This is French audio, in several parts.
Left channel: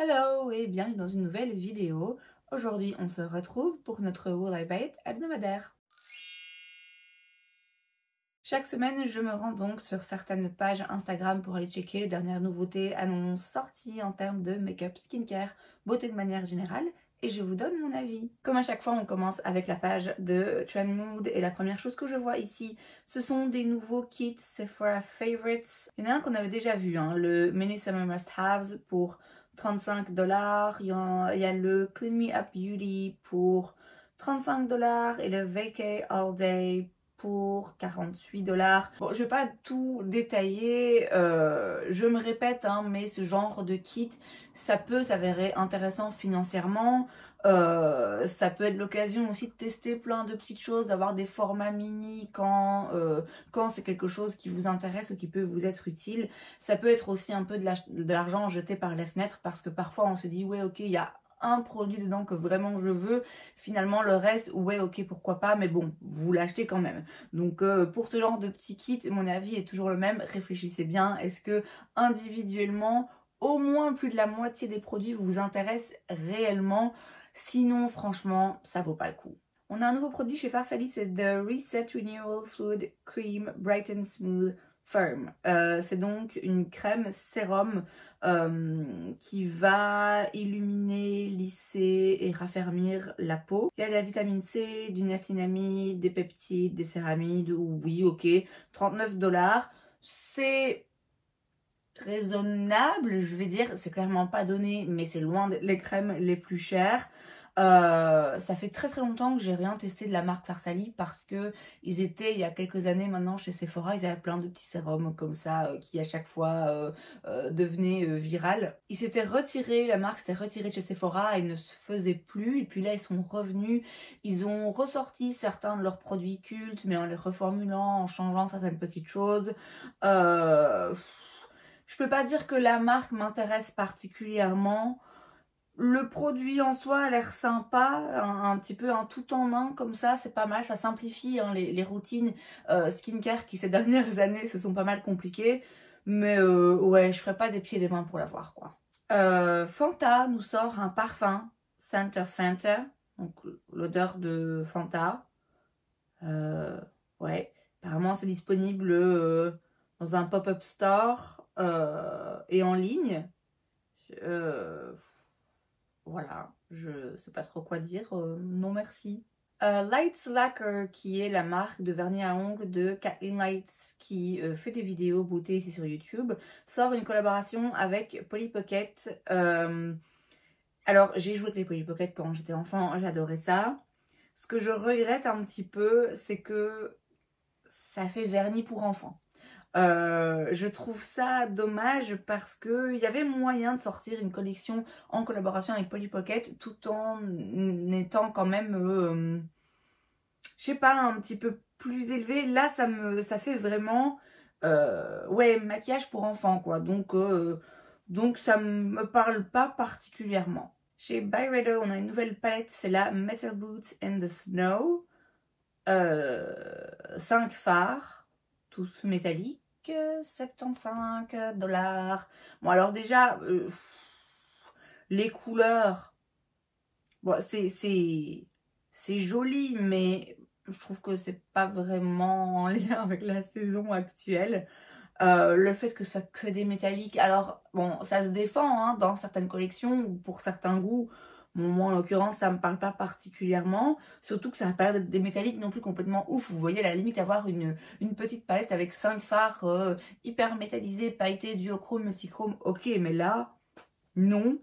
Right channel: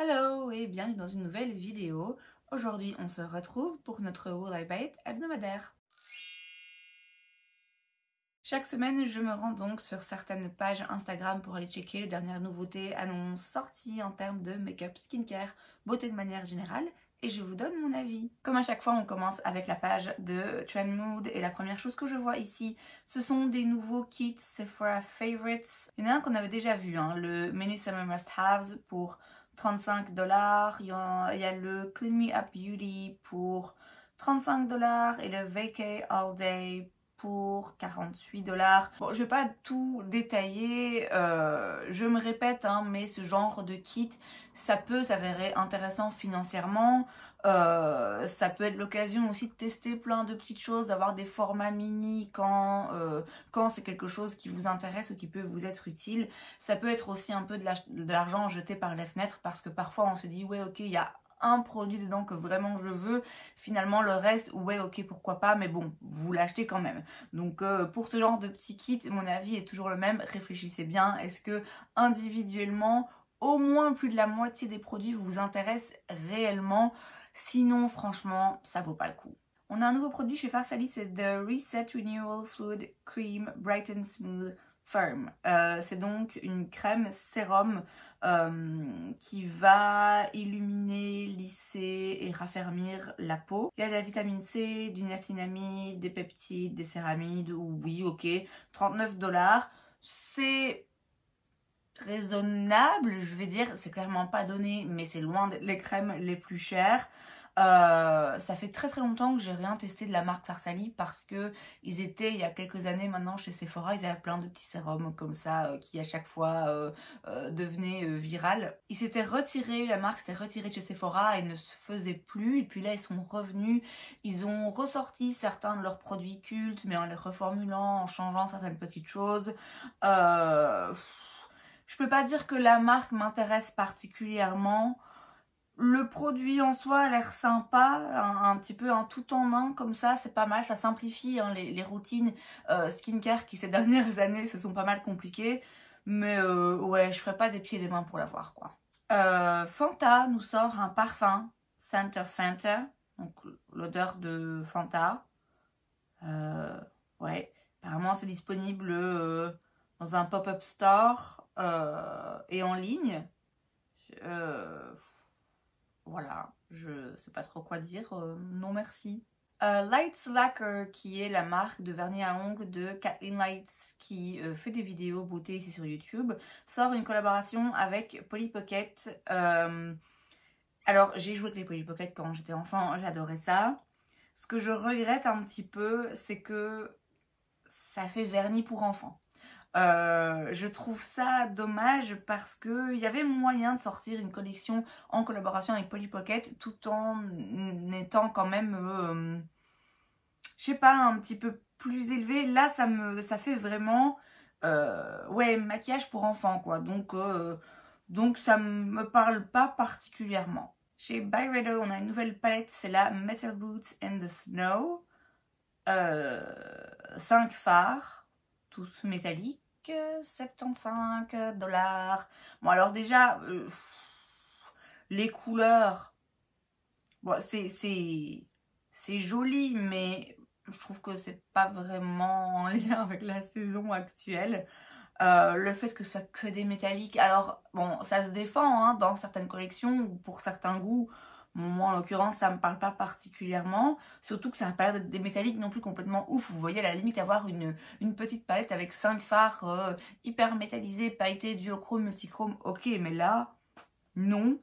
Hello et bienvenue dans une nouvelle vidéo. Aujourd'hui, on se retrouve pour notre Will I Buy It hebdomadaire. Chaque semaine, je me rends donc sur certaines pages Instagram pour aller checker les dernières nouveautés, annonces, sorties en termes de make-up, skincare, beauté de manière générale. Et je vous donne mon avis. Comme à chaque fois, on commence avec la page de Trend Mood. Et la première chose que je vois ici, ce sont des nouveaux kits Sephora Favorites. Il y en a un qu'on avait déjà vu, le Mini Summer Must Haves pour 35 $. Il y a le Clean Me Up Beauty pour 35 $ et le Vacay All Day pour 48 $. Bon, je vais pas tout détailler, je me répète, mais ce genre de kit, ça peut s'avérer intéressant financièrement. Ça peut être l'occasion aussi de tester plein de petites choses, d'avoir des formats mini quand c'est quelque chose qui vous intéresse ou qui peut vous être utile. Ça peut être aussi un peu de l'argent jeté par les fenêtres parce que parfois on se dit ouais ok, il y a un produit dedans que vraiment je veux, finalement le reste ouais ok pourquoi pas, mais bon vous l'achetez quand même. Donc pour ce genre de petit kit, mon avis est toujours le même, réfléchissez bien, est-ce que individuellement au moins plus de la moitié des produits vous intéressent réellement? Sinon franchement ça vaut pas le coup. On a un nouveau produit chez Farsali, c'est The Reset Renewal Fluid Cream Bright and Smooth Firm. C'est donc une crème sérum qui va illuminer, lisser et raffermir la peau. Il y a de la vitamine C, du niacinamide, des peptides, des céramides, oui ok, 39 $. C'est raisonnable, je vais dire, c'est clairement pas donné, mais c'est loin des crèmes les plus chères. Ça fait très longtemps que j'ai rien testé de la marque Farsali parce que ils étaient il y a quelques années maintenant chez Sephora, ils avaient plein de petits sérums comme ça qui à chaque fois devenaient viral. Ils s'étaient retirés, la marque s'était retirée de chez Sephora et ne se faisait plus, et puis là ils sont revenus, ils ont ressorti certains de leurs produits cultes mais en les reformulant, en changeant certaines petites choses. Je peux pas dire que la marque m'intéresse particulièrement. Le produit en soi a l'air sympa, un petit peu un tout en un comme ça, c'est pas mal, ça simplifie les routines skincare qui ces dernières années se sont pas mal compliquées. Mais ouais, je ferai pas des pieds et des mains pour l'avoir quoi. Fanta nous sort un parfum, Scent of Fanta, donc l'odeur de Fanta. Ouais, apparemment c'est disponible dans un pop-up store et en ligne. Voilà, je sais pas trop quoi dire, non merci. Lights Lacquer, qui est la marque de vernis à ongles de Kathleen Lights, qui fait des vidéos beauté ici sur YouTube, sort une collaboration avec Polly Pocket. Alors, j'ai joué avec les Polly Pocket quand j'étais enfant, j'adorais ça. Ce que je regrette un petit peu, c'est que ça fait vernis pour enfants. Je trouve ça dommage parce qu'il y avait moyen de sortir une collection en collaboration avec Polly Pocket tout en étant quand même, je sais pas, un petit peu plus élevé. Là, ça fait vraiment, ouais, maquillage pour enfants quoi. Donc ça me parle pas particulièrement. Chez Byredo, on a une nouvelle palette, c'est la Metal Boots in the Snow. 5 fards, tous métalliques, 75 $. Bon alors déjà, les couleurs, bon, c'est joli, mais je trouve que c'est pas vraiment en lien avec la saison actuelle. Le fait que ce soit que des métalliques, alors bon, ça se défend dans certaines collections ou pour certains goûts. Bon, moi en l'occurrence ça me parle pas particulièrement, surtout que ça n'a pas l'air d'être des métalliques non plus complètement ouf. Vous voyez à la limite avoir une petite palette avec 5 fards hyper métallisés, pailletés, duochrome, multichrome, ok, mais là non.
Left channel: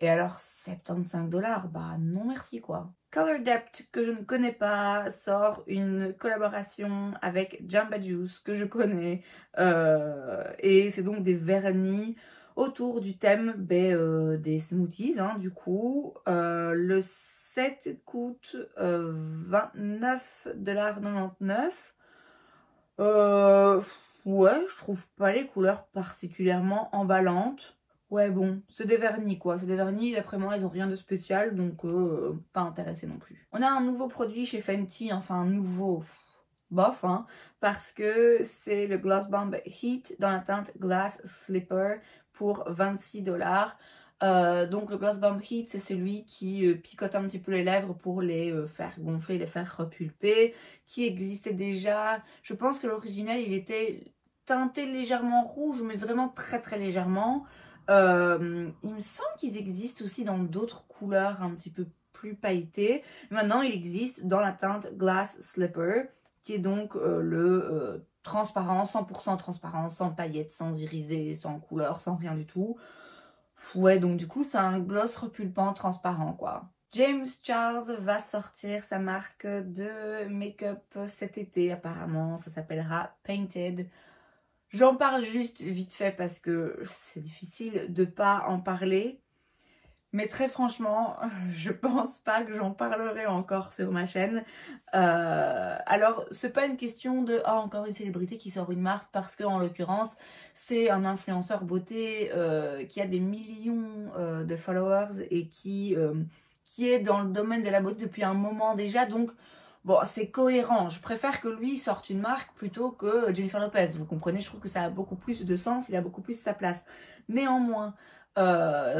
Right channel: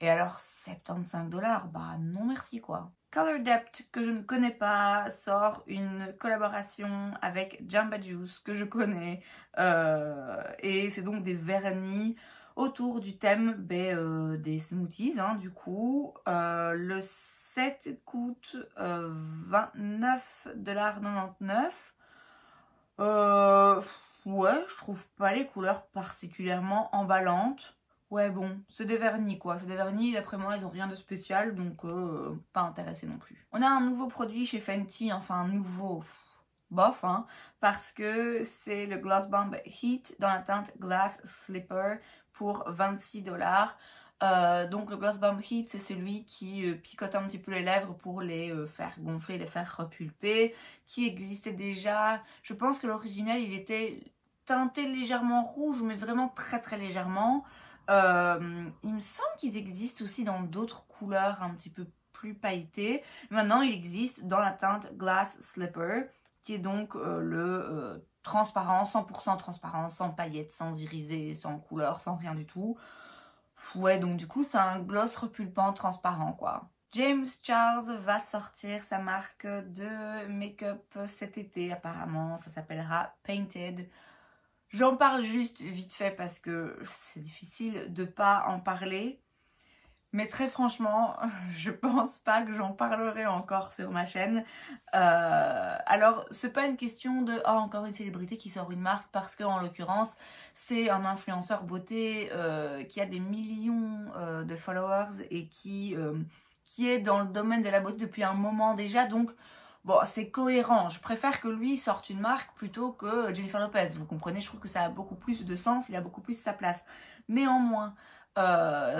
Et alors 75 $, bah non merci quoi. Color Depth, que je ne connais pas, sort une collaboration avec Jamba Juice, que je connais. Et c'est donc des vernis autour du thème des smoothies, du coup. Le set coûte 29,99 $. Ouais, je trouve pas les couleurs particulièrement emballantes. Ouais bon, c'est des vernis quoi, c'est des vernis, d'après moi ils ont rien de spécial, donc pas intéressé non plus. On a un nouveau produit chez Fenty, enfin un nouveau, bof parce que c'est le Gloss Bomb Heat dans la teinte Glass Slipper pour 26 $. Donc le Gloss Bomb Heat, c'est celui qui picote un petit peu les lèvres pour les faire gonfler, les faire repulper, qui existait déjà. Je pense que l'original, il était teinté légèrement rouge, mais vraiment très très légèrement. Il me semble qu'ils existent aussi dans d'autres couleurs un petit peu plus pailletées. Maintenant, il existe dans la teinte Glass Slipper, qui est donc le transparent, 100% transparent, sans paillettes, sans irisé, sans couleur, sans rien du tout. Ouais, donc du coup, c'est un gloss repulpant transparent, quoi. James Charles va sortir sa marque de make-up cet été, apparemment. Ça s'appellera Painted. J'en parle juste vite fait parce que c'est difficile de pas en parler. Mais très franchement, je pense pas que j'en parlerai encore sur ma chaîne. Alors, c'est pas une question de oh, encore une célébrité qui sort une marque, parce que en l'occurrence, c'est un influenceur beauté qui a des millions de followers et qui est dans le domaine de la beauté depuis un moment déjà. Donc, bon, c'est cohérent. Je préfère que lui sorte une marque plutôt que Jennifer Lopez. Vous comprenez, je trouve que ça a beaucoup plus de sens, il a beaucoup plus sa place. Néanmoins,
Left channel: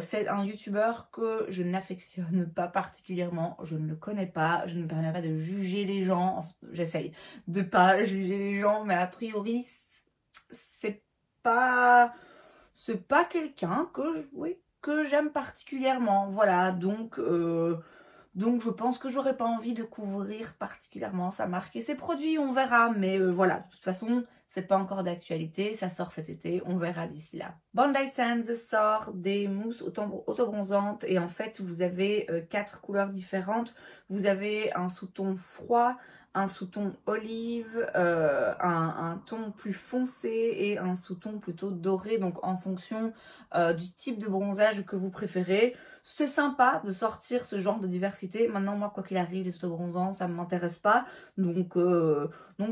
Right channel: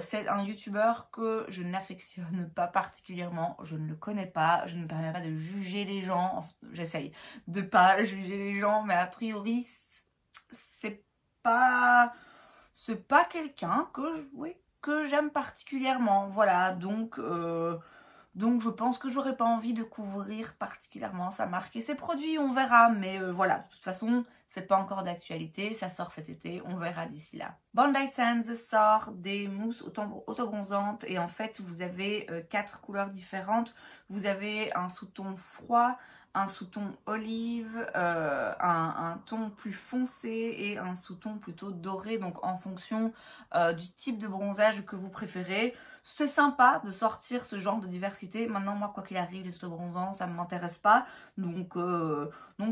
c'est un youtubeur que je n'affectionne pas particulièrement, je ne le connais pas, je ne me permets pas de juger les gens, enfin, j'essaye de pas juger les gens, mais a priori c'est pas quelqu'un que j'aime particulièrement, voilà, donc je pense que j'aurais pas envie de couvrir particulièrement sa marque et ses produits, on verra, mais voilà, de toute façon, c'est pas encore d'actualité, ça sort cet été, on verra d'ici là. Bondi Sands sort des mousses autobronzantes et en fait, vous avez 4 couleurs différentes. Vous avez un sous-ton froid, un sous-ton olive, un ton plus foncé et un sous-ton plutôt doré, donc en fonction du type de bronzage que vous préférez. C'est sympa de sortir ce genre de diversité. Maintenant, moi, quoi qu'il arrive, les autobronzants, ça ne m'intéresse pas. Donc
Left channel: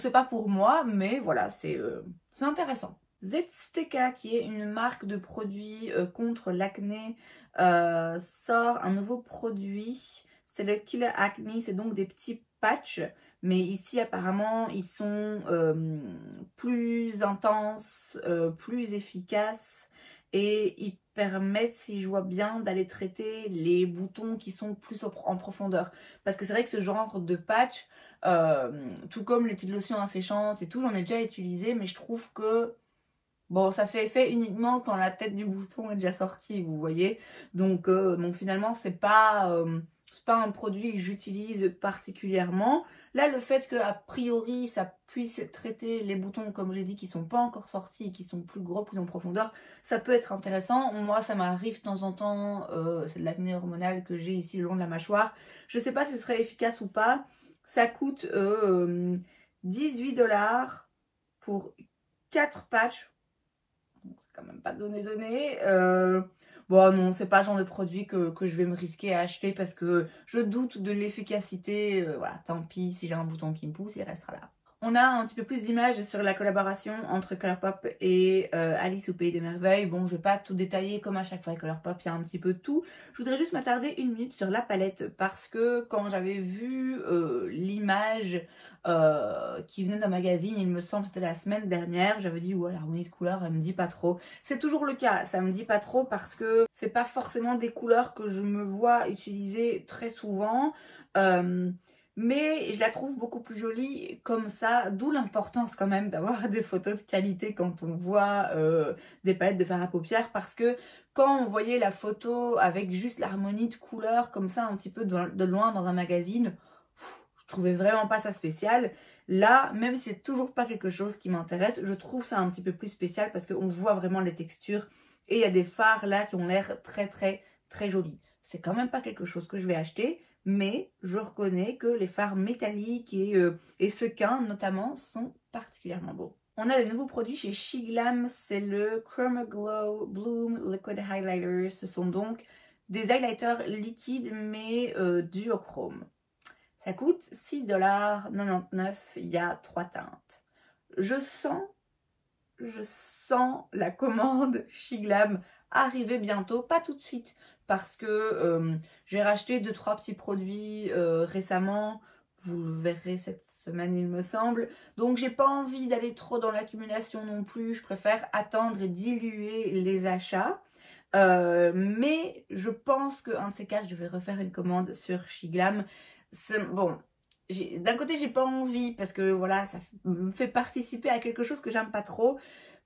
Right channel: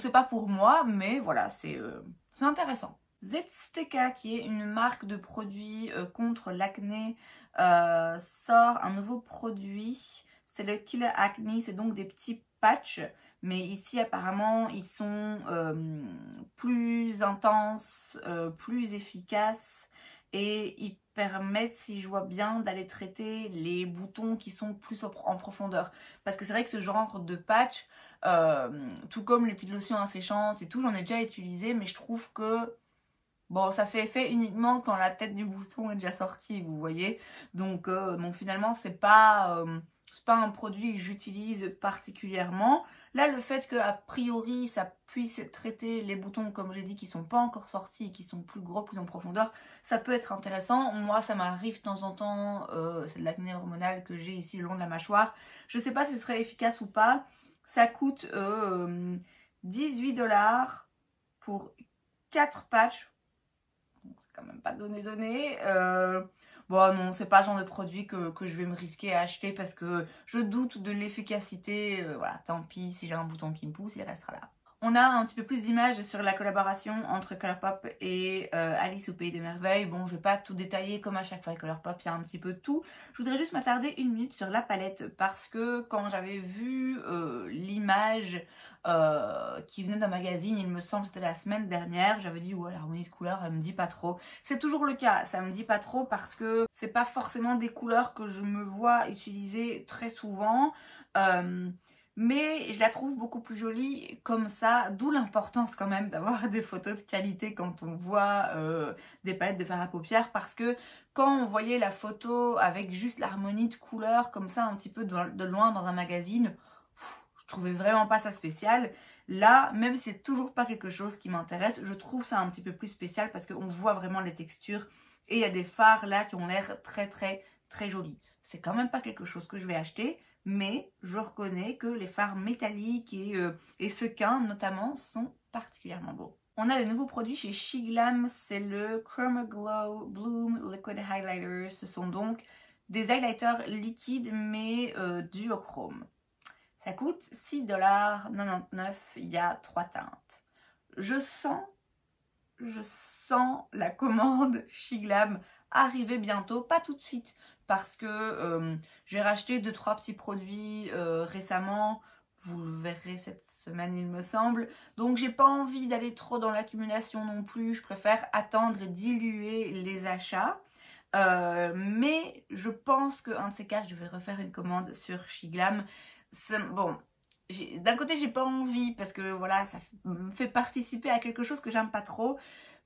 c'est pas pour moi, mais voilà, c'est intéressant. Zstica, qui est une marque de produits contre l'acné, sort un nouveau produit. C'est le Killer Acne, c'est donc des petits patchs. Mais ici, apparemment, ils sont plus intenses, plus efficaces. Et ils permettent, si je vois bien, d'aller traiter les boutons qui sont plus en profondeur. Parce que c'est vrai que ce genre de patch, tout comme les petites lotions asséchantes et tout, j'en ai déjà utilisé, mais je trouve que bon, ça fait effet uniquement quand la tête du bouton est déjà sortie, vous voyez. Donc finalement, c'est pas un produit que j'utilise particulièrement. Là, le fait qu'a priori, ça puisse traiter les boutons, comme j'ai dit, qui sont pas encore sortis, qui sont plus gros, plus en profondeur, ça peut être intéressant. Moi, ça m'arrive de temps en temps, c'est de l'acné hormonal que j'ai ici le long de la mâchoire. Je sais pas si ce serait efficace ou pas. Ça coûte 18 $ pour 4 patchs. C'est quand même pas donné. Bon non, c'est pas le genre de produit que je vais me risquer à acheter parce que je doute de l'efficacité. Voilà, tant pis, si j'ai un bouton qui me pousse, il restera là. On a un petit peu plus d'images sur la collaboration entre Colourpop et Alice au Pays des Merveilles. Bon, je vais pas tout détailler comme à chaque fois Colourpop, il y a un petit peu de tout. Je voudrais juste m'attarder une minute sur la palette parce que quand j'avais vu l'image qui venait d'un magazine, il me semble que c'était la semaine dernière, j'avais dit ouais, l'harmonie de couleurs, elle me dit pas trop. C'est toujours le cas, ça me dit pas trop parce que c'est pas forcément des couleurs que je me vois utiliser très souvent. Mais je la trouve beaucoup plus jolie comme ça, d'où l'importance quand même d'avoir des photos de qualité quand on voit des palettes de fard à paupières, parce que quand on voyait la photo avec juste l'harmonie de couleurs comme ça un petit peu de loin dans un magazine, je trouvais vraiment pas ça spécial. Là, même si c'est toujours pas quelque chose qui m'intéresse, je trouve ça un petit peu plus spécial parce qu'on voit vraiment les textures et il y a des fards là qui ont l'air très très très jolis. C'est quand même pas quelque chose que je vais acheter, mais je reconnais que les fards métalliques et sequins notamment sont particulièrement beaux. On a des nouveaux produits chez Shiglam, c'est le Chroma Glow Bloom Liquid Highlighter. Ce sont donc des highlighters liquides mais duochrome. Ça coûte 6,99 $, il y a 3 teintes. Je sens la commande Shiglam arriver bientôt, pas tout de suite, parce que j'ai racheté 2-3 petits produits récemment, vous le verrez cette semaine il me semble, donc j'ai pas envie d'aller trop dans l'accumulation non plus, je préfère attendre et diluer les achats. Mais je pense qu'un de ces quatre, je vais refaire une commande sur Shiglam. Bon, d'un côté, j'ai pas envie parce que voilà, ça me fait participer à quelque chose que j'aime pas trop.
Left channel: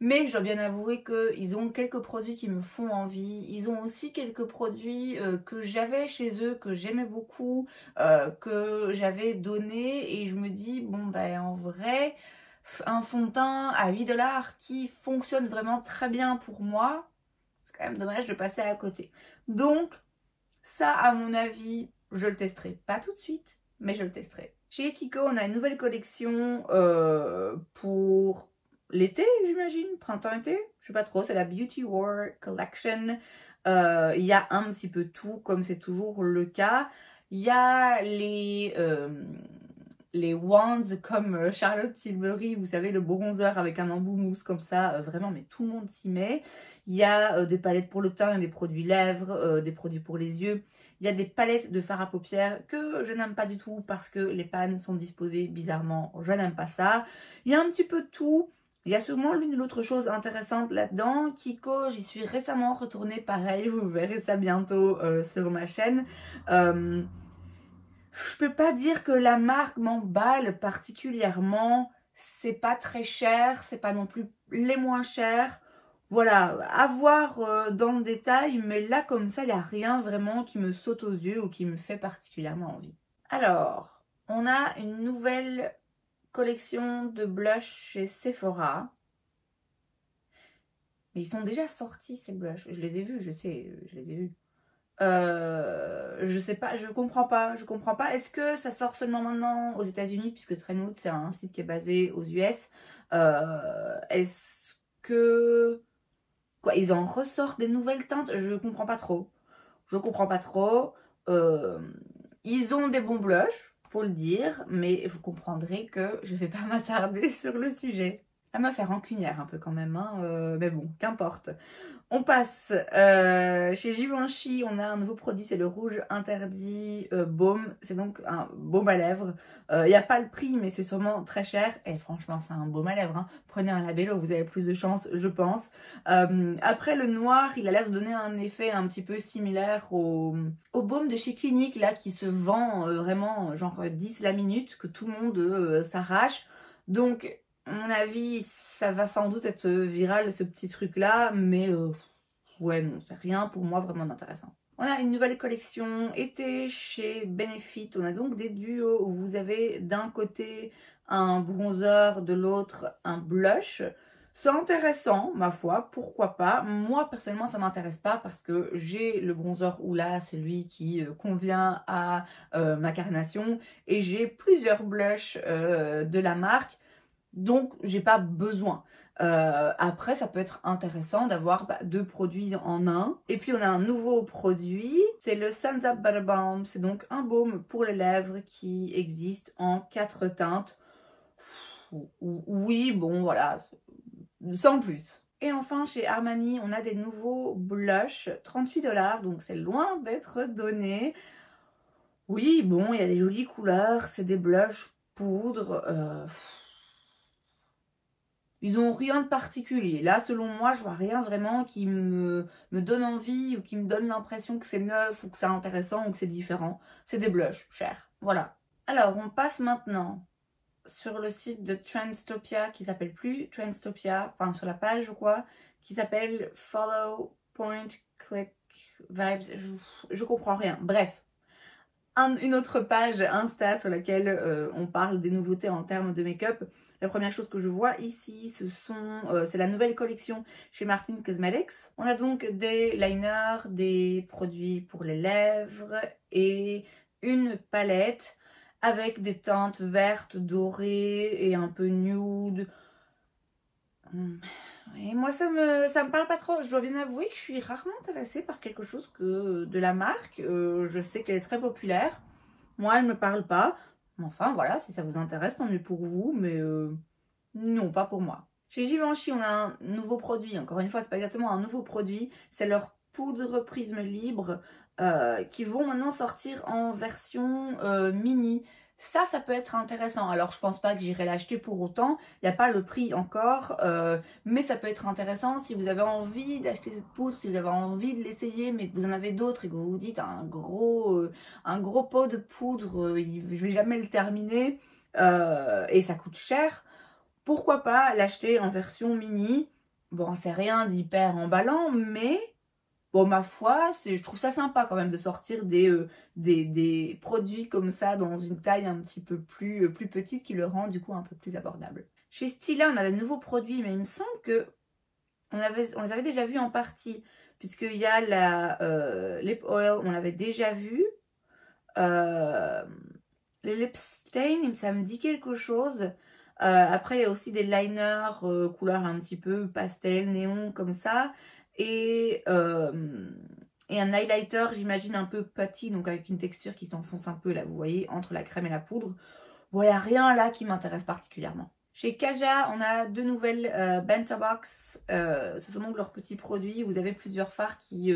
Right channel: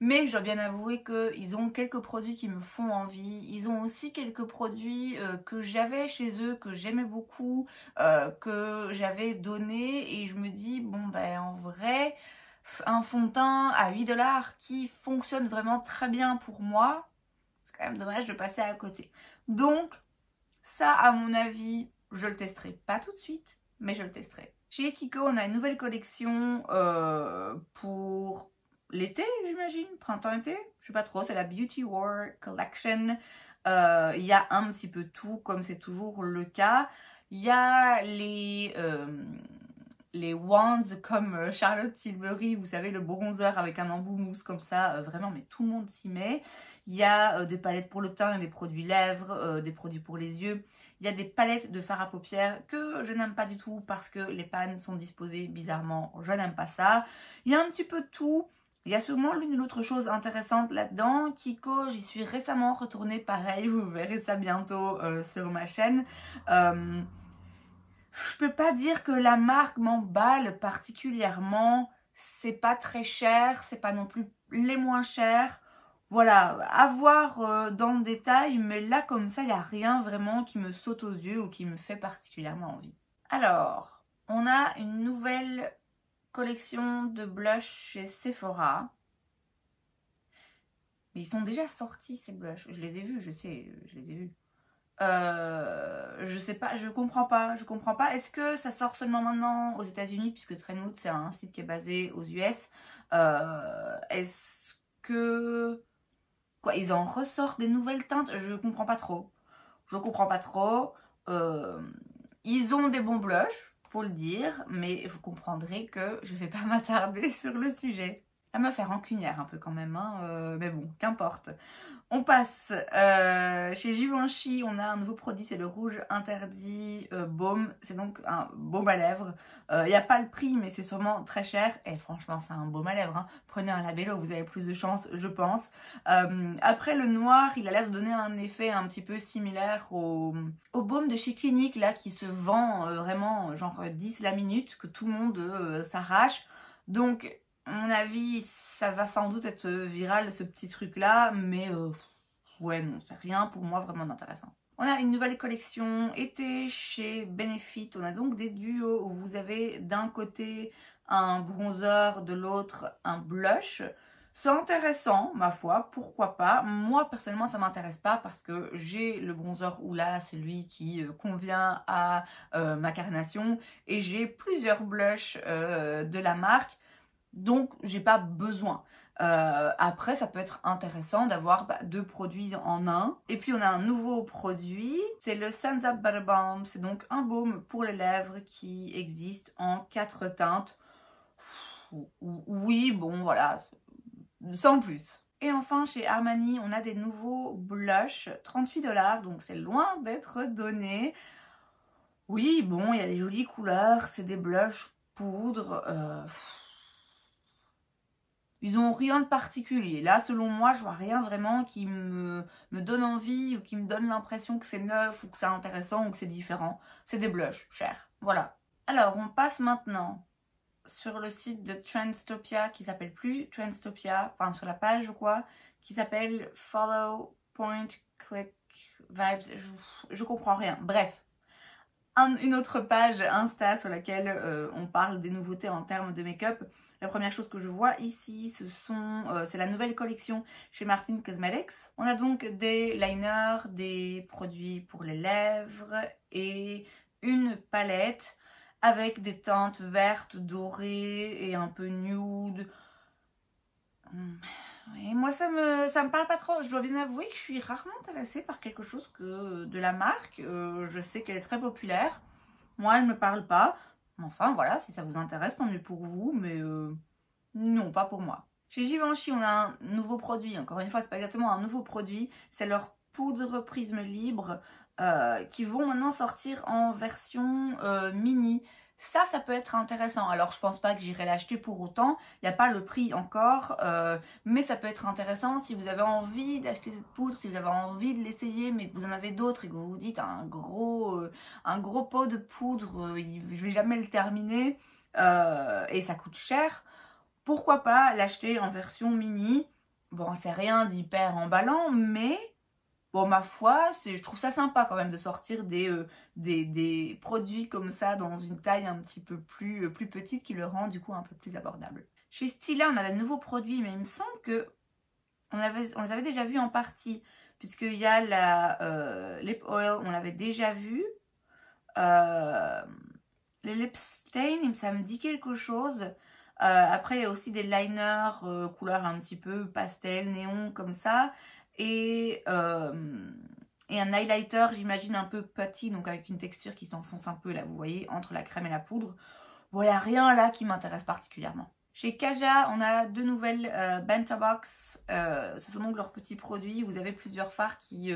Mais je dois bien avouer qu'ils ont quelques produits qui me font envie. Ils ont aussi quelques produits que j'avais chez eux, que j'aimais beaucoup, que j'avais donné. Et je me dis, bon ben en vrai, un fond de teint à 8 $ qui fonctionne vraiment très bien pour moi, c'est quand même dommage de passer à côté. Donc, ça à mon avis, je le testerai. Pas tout de suite, mais je le testerai. Chez Kiko, on a une nouvelle collection pour l'été, j'imagine, printemps-été, je sais pas trop, c'est la Beauty War Collection. Il y a un petit peu tout, comme c'est toujours le cas. Il y a les wands comme Charlotte Tilbury, vous savez, le bronzer avec un embout mousse comme ça, vraiment, mais tout le monde s'y met. Il y a des palettes pour le teint, des produits lèvres, des produits pour les yeux. Il y a des palettes de fard à paupières que je n'aime pas du tout parce que les pannes sont disposées bizarrement. Je n'aime pas ça. Il y a un petit peu de tout. Il y a sûrement l'une ou l'autre chose intéressante là-dedans. Kiko, j'y suis récemment retournée, pareil, vous verrez ça bientôt sur ma chaîne. Je peux pas dire que la marque m'emballe particulièrement. C'est pas très cher, c'est pas non plus les moins chers. Voilà, à voir dans le détail, mais là comme ça, il n'y a rien vraiment qui me saute aux yeux ou qui me fait particulièrement envie. Alors, on a une nouvelle collection de blush chez Sephora. Mais ils sont déjà sortis ces blushs. Je les ai vus, je sais, je les ai vus. Je sais pas, je comprends pas. Est-ce que ça sort seulement maintenant aux États-Unis, puisque Trendwood c'est un site qui est basé aux US. Est-ce que quoi, ils en ressortent des nouvelles teintes? Je comprends pas trop. Ils ont des bons blushs, faut le dire, mais vous comprendrez que je vais pas m'attarder sur le sujet. Ça m'a fait rancunière un peu quand même, hein, mais bon, qu'importe. On passe chez Givenchy, on a un nouveau produit, c'est le rouge interdit baume. C'est donc un baume à lèvres. Il n'y a pas le prix, mais c'est sûrement très cher. Et franchement, c'est un baume à lèvres. Hein. Prenez un labello, vous avez plus de chance, je pense. Après, le noir, il a l'air de donner un effet un petit peu similaire au baume de chez Clinique, là, qui se vend vraiment genre 10 la minute, que tout le monde s'arrache. Donc, à mon avis, ça va sans doute être viral ce petit truc là, mais ouais non, c'est rien pour moi vraiment d'intéressant. On a une nouvelle collection été chez Benefit, on a donc des duos où vous avez d'un côté un bronzer, de l'autre un blush. C'est intéressant, ma foi, pourquoi pas. Moi, personnellement, ça m'intéresse pas parce que j'ai le bronzer Hoola, celui qui convient à ma carnation, et j'ai plusieurs blushs de la marque. Donc, j'ai pas besoin. Après, ça peut être intéressant d'avoir deux produits en un. Et puis, on a un nouveau produit. C'est le Suns Up Butter Balm. C'est donc un baume pour les lèvres qui existe en 4 teintes. Oui, bon, voilà. Sans plus. Et enfin, chez Armani, on a des nouveaux blushs. 38 $. Donc, c'est loin d'être donné. Oui, bon, il y a des jolies couleurs. C'est des blushs poudre. Ils n'ont rien de particulier. Là, selon moi, je vois rien vraiment qui me donne envie ou qui me donne l'impression que c'est neuf ou que c'est intéressant ou que c'est différent. C'est des blushs chers. Voilà. Alors, on passe maintenant sur le site de Trendstopia qui s'appelle plus Trendstopia, enfin sur la page ou quoi, qui s'appelle Follow Point Click Vibes. Je comprends rien. Bref. Une autre page Insta sur laquelle on parle des nouveautés en termes de make-up. La première chose que je vois ici, c'est la nouvelle collection chez Martin Cosmetics. On a donc des liners, des produits pour les lèvres et une palette avec des teintes vertes, dorées et un peu nude. Et moi, ça me parle pas trop. Je dois bien avouer que je suis rarement intéressée par quelque chose de la marque. Je sais qu'elle est très populaire. Moi, elle me parle pas. Enfin, voilà, si ça vous intéresse, tant mieux pour vous. Mais non, pas pour moi. Chez Givenchy, on a un nouveau produit. Encore une fois, c'est pas exactement un nouveau produit. C'est leur poudre prisme libre qui vont maintenant sortir en version mini. Ça peut être intéressant. Alors, je pense pas que j'irai l'acheter pour autant. Il n'y a pas le prix encore. Mais ça peut être intéressant si vous avez envie d'acheter cette poudre, si vous avez envie de l'essayer, mais que vous en avez d'autres et que vous vous dites un gros pot de poudre, je vais jamais le terminer et ça coûte cher. Pourquoi pas l'acheter en version mini? Bon, c'est rien d'hyper emballant, mais... Bon, ma foi, je trouve ça sympa quand même de sortir des produits comme ça dans une taille un petit peu plus petite qui le rend du coup un peu plus abordable. Chez Stila, on a de nouveaux produits, mais il me semble que on les avait déjà vus en partie, puisqu'il y a la Lip Oil, on l'avait déjà vu. Les Lip Stain, ça me dit quelque chose. Après, il y a aussi des liners couleur un petit peu pastel, néon, comme ça. Et un highlighter, j'imagine, un peu putty, donc avec une texture qui s'enfonce un peu, là, vous voyez, entre la crème et la poudre. Bon, il n'y a rien là qui m'intéresse particulièrement. Chez Kaja, on a deux nouvelles Bento Box. Ce sont donc leurs petits produits. Vous avez plusieurs fards qui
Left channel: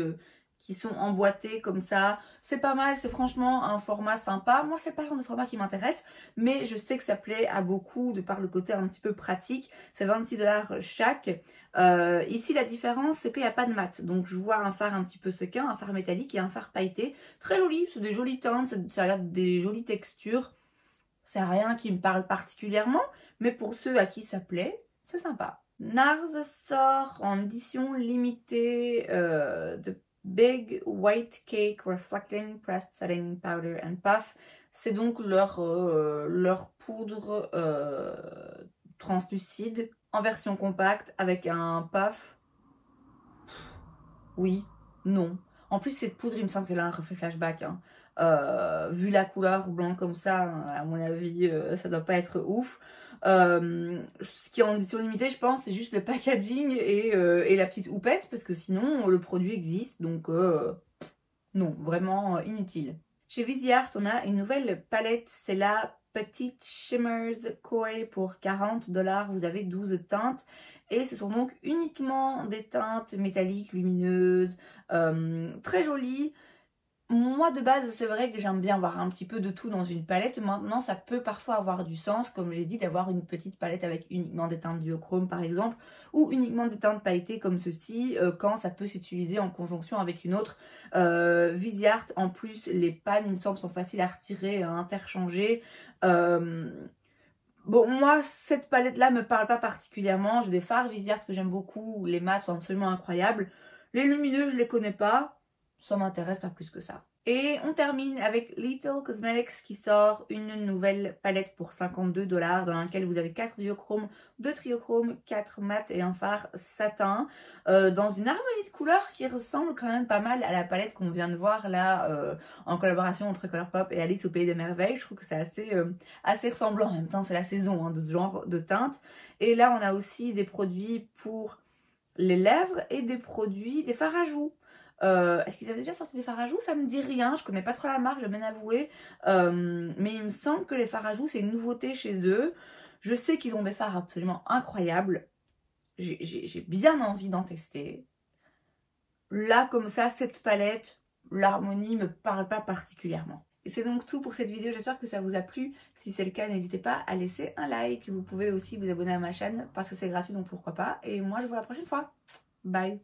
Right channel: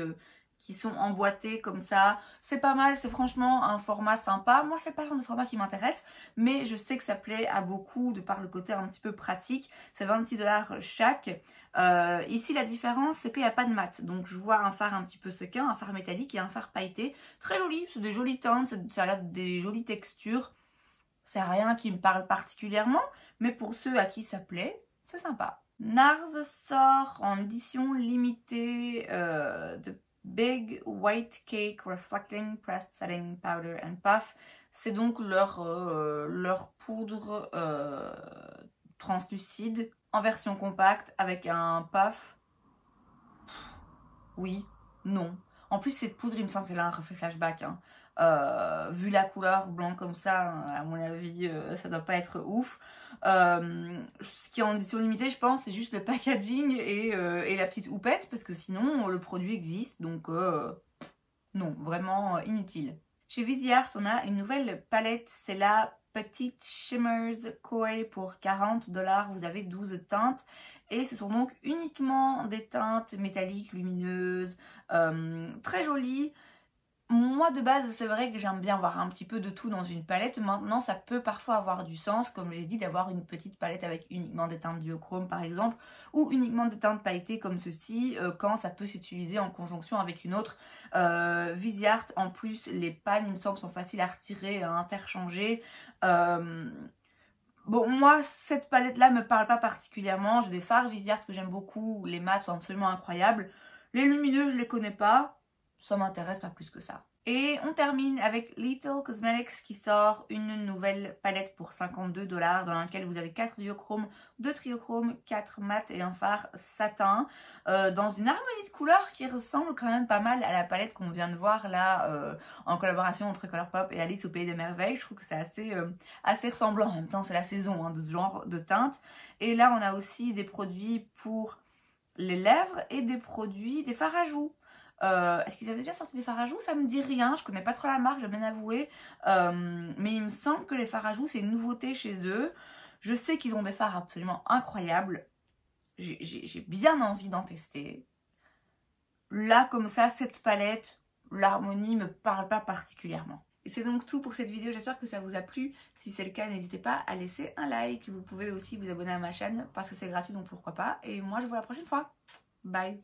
sont emboîtés comme ça. C'est pas mal, c'est franchement un format sympa. Moi, c'est pas le genre de format qui m'intéresse, mais je sais que ça plaît à beaucoup de par le côté un petit peu pratique. C'est 26 $ chaque. Ici, la différence, c'est qu'il n'y a pas de mat. Donc, je vois un fard un petit peu sequin, un fard métallique et un fard pailleté. Très joli, c'est des jolies teintes, ça a l'air des jolies textures. C'est rien qui me parle particulièrement, mais pour ceux à qui ça plaît, c'est sympa. NARS sort en édition limitée de Big White Cake Reflecting Pressed Setting Powder and Puff. C'est donc leur poudre translucide en version compacte avec un puff. Oui, non. En plus, cette poudre, il me semble qu'elle a un reflet flashback. Hein. Vu la couleur blanc comme ça, à mon avis, ça doit pas être ouf. Ce qui est en édition limitée, je pense, c'est juste le packaging et la petite houppette, parce que sinon, le produit existe, donc non, vraiment inutile. Chez Viseart, on a une nouvelle palette, c'est la Petite Shimmers Koi pour 40 $. Vous avez 12 teintes et ce sont donc uniquement des teintes métalliques, lumineuses, très jolies. Moi de base c'est vrai que j'aime bien avoir un petit peu de tout dans une palette. Maintenant ça peut parfois avoir du sens, comme j'ai dit, d'avoir une petite palette avec uniquement des teintes duochrome par exemple, ou uniquement des teintes pailletées comme ceci, quand ça peut s'utiliser en conjonction avec une autre. Viseart en plus, les pannes il me semble sont faciles à retirer, à interchanger. Bon, moi, cette palette-là me parle pas particulièrement. J'ai des fards Viseart que j'aime beaucoup. Les mats sont absolument incroyables. Les lumineux, je les connais pas. Ça m'intéresse pas plus que ça. Et on termine avec Little Cosmetics qui sort une nouvelle palette pour 52 $ dans laquelle vous avez 4 duochromes, 2 triochromes, 4 mat et un fard satin dans une harmonie de couleurs qui ressemble quand même pas mal à la palette qu'on vient de voir là en collaboration entre Colourpop et Alice au Pays des Merveilles. Je trouve que c'est assez ressemblant. En même temps, c'est la saison hein, de ce genre de teinte. Et là, on a aussi des produits pour les lèvres et des fards à joues. Est-ce qu'ils avaient déjà sorti des fards à joues? Ça me dit rien, je connais pas trop la marque, je vais bien avouer. Mais il me semble que les fards à joues, c'est une nouveauté chez eux. Je sais qu'ils ont des fards absolument incroyables. J'ai bien envie d'en tester. Là, comme ça, cette palette, l'harmonie me parle pas particulièrement. Et c'est donc tout pour cette vidéo, j'espère que ça vous a plu. Si c'est le cas, n'hésitez pas à laisser un like. Vous pouvez aussi vous abonner à ma chaîne parce que c'est gratuit, donc pourquoi pas. Et moi, je vous vois la prochaine fois. Bye!